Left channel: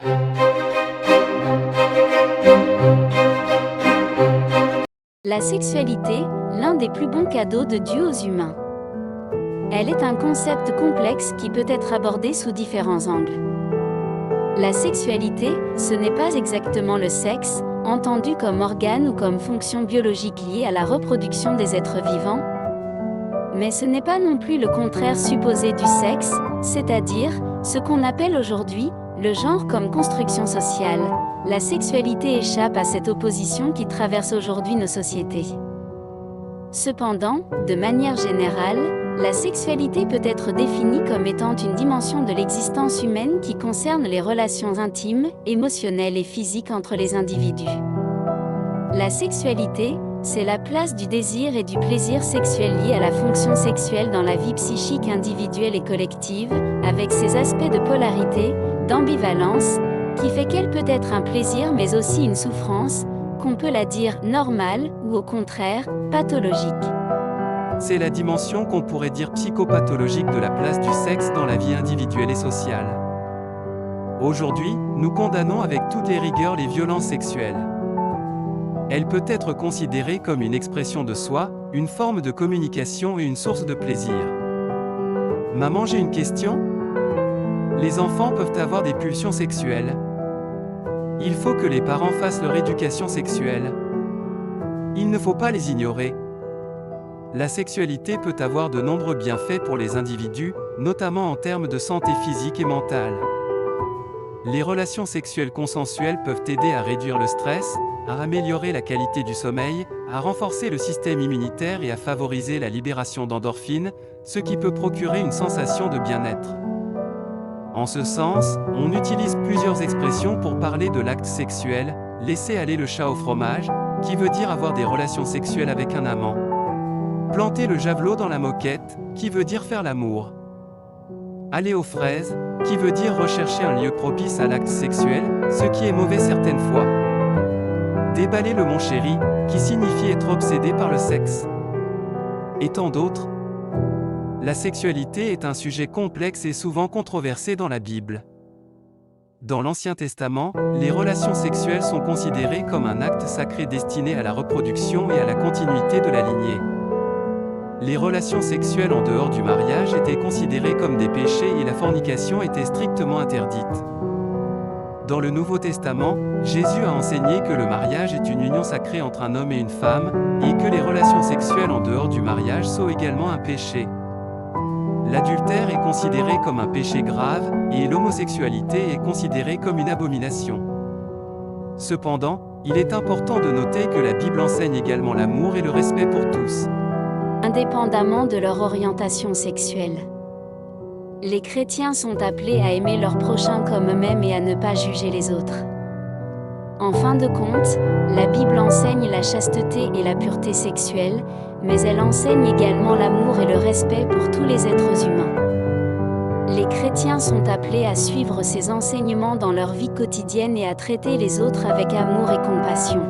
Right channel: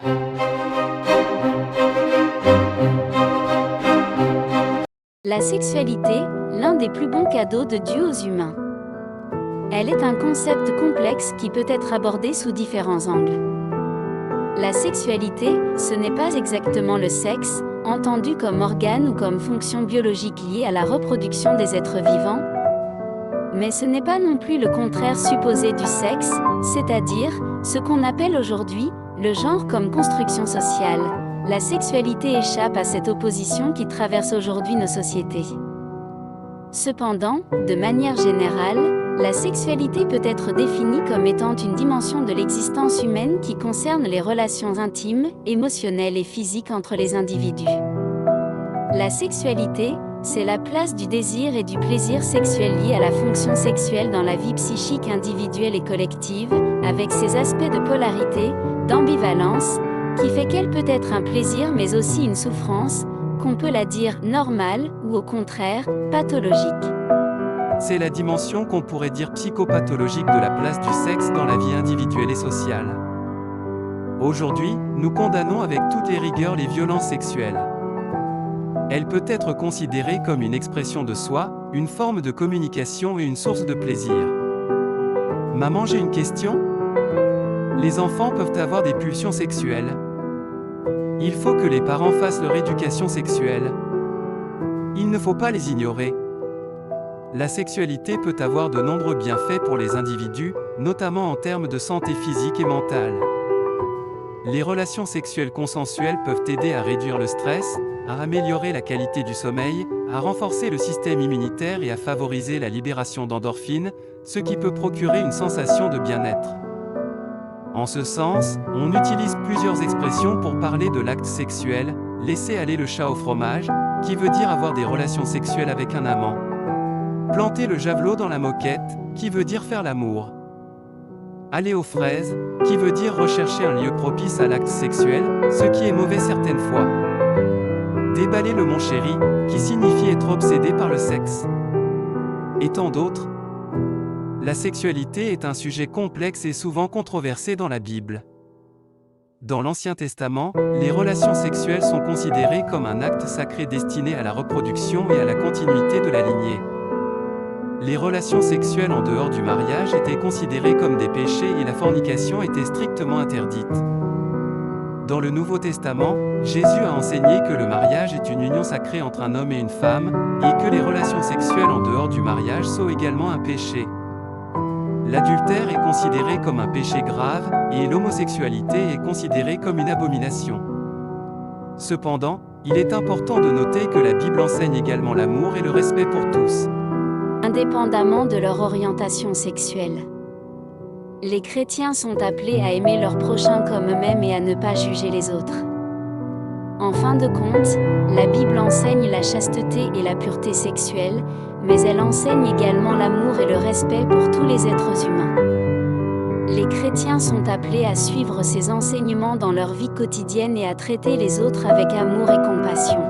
La sexualité, l'un des plus bons cadeaux de Dieu aux humains. Elle est un concept complexe qui peut être abordé sous différents angles. La sexualité, ce n'est pas exactement le sexe, entendu comme organe ou comme fonction biologique liée à la reproduction des êtres vivants, mais ce n'est pas non plus le contraire supposé du sexe, c'est-à-dire, ce qu'on appelle aujourd'hui, le genre comme construction sociale. La sexualité échappe à cette opposition qui traverse aujourd'hui nos sociétés. Cependant, de manière générale, la sexualité peut être définie comme étant une dimension de l'existence humaine qui concerne les relations intimes, émotionnelles et physiques entre les individus. La sexualité, c'est la place du désir et du plaisir sexuel liés à la fonction sexuelle dans la vie psychique individuelle et collective, avec ses aspects de polarité, d'ambivalence, qui fait qu'elle peut être un plaisir mais aussi une souffrance, qu'on peut la dire normale ou au contraire, pathologique. C'est la dimension qu'on pourrait dire psychopathologique de la place du sexe dans la vie individuelle et sociale. Aujourd'hui, nous condamnons avec toutes les rigueurs les violences sexuelles. Elle peut être considérée comme une expression de soi, une forme de communication et une source de plaisir. Maman, j'ai une question ? Les enfants peuvent avoir des pulsions sexuelles. Il faut que les parents fassent leur éducation sexuelle. Il ne faut pas les ignorer. La sexualité peut avoir de nombreux bienfaits pour les individus, notamment en termes de santé physique et mentale. Les relations sexuelles consensuelles peuvent aider à réduire le stress, à améliorer la qualité du sommeil, à renforcer le système immunitaire et à favoriser la libération d'endorphines, ce qui peut procurer une sensation de bien-être. En ce sens, on utilise plusieurs expressions pour parler de l'acte sexuel, laisser aller le chat au fromage, qui veut dire avoir des relations sexuelles avec un amant. Planter le javelot dans la moquette, qui veut dire faire l'amour. Aller aux fraises, qui veut dire rechercher un lieu propice à l'acte sexuel, ce qui est mauvais certaines fois. Déballer le mon chéri, qui signifie être obsédé par le sexe. Et tant d'autres. La sexualité est un sujet complexe et souvent controversé dans la Bible. Dans l'Ancien Testament, les relations sexuelles sont considérées comme un acte sacré destiné à la reproduction et à la continuité de la lignée. Les relations sexuelles en dehors du mariage étaient considérées comme des péchés et la fornication était strictement interdite. Dans le Nouveau Testament, Jésus a enseigné que le mariage est une union sacrée entre un homme et une femme, et que les relations sexuelles en dehors du mariage sont également un péché. L'adultère est considéré comme un péché grave, et l'homosexualité est considérée comme une abomination. Cependant, il est important de noter que la Bible enseigne également l'amour et le respect pour tous, indépendamment de leur orientation sexuelle. Les chrétiens sont appelés à aimer leurs prochains comme eux-mêmes et à ne pas juger les autres. En fin de compte, la Bible enseigne la chasteté et la pureté sexuelle, mais elle enseigne également l'amour et le respect pour tous les êtres humains. Les chrétiens sont appelés à suivre ces enseignements dans leur vie quotidienne et à traiter les autres avec amour et compassion.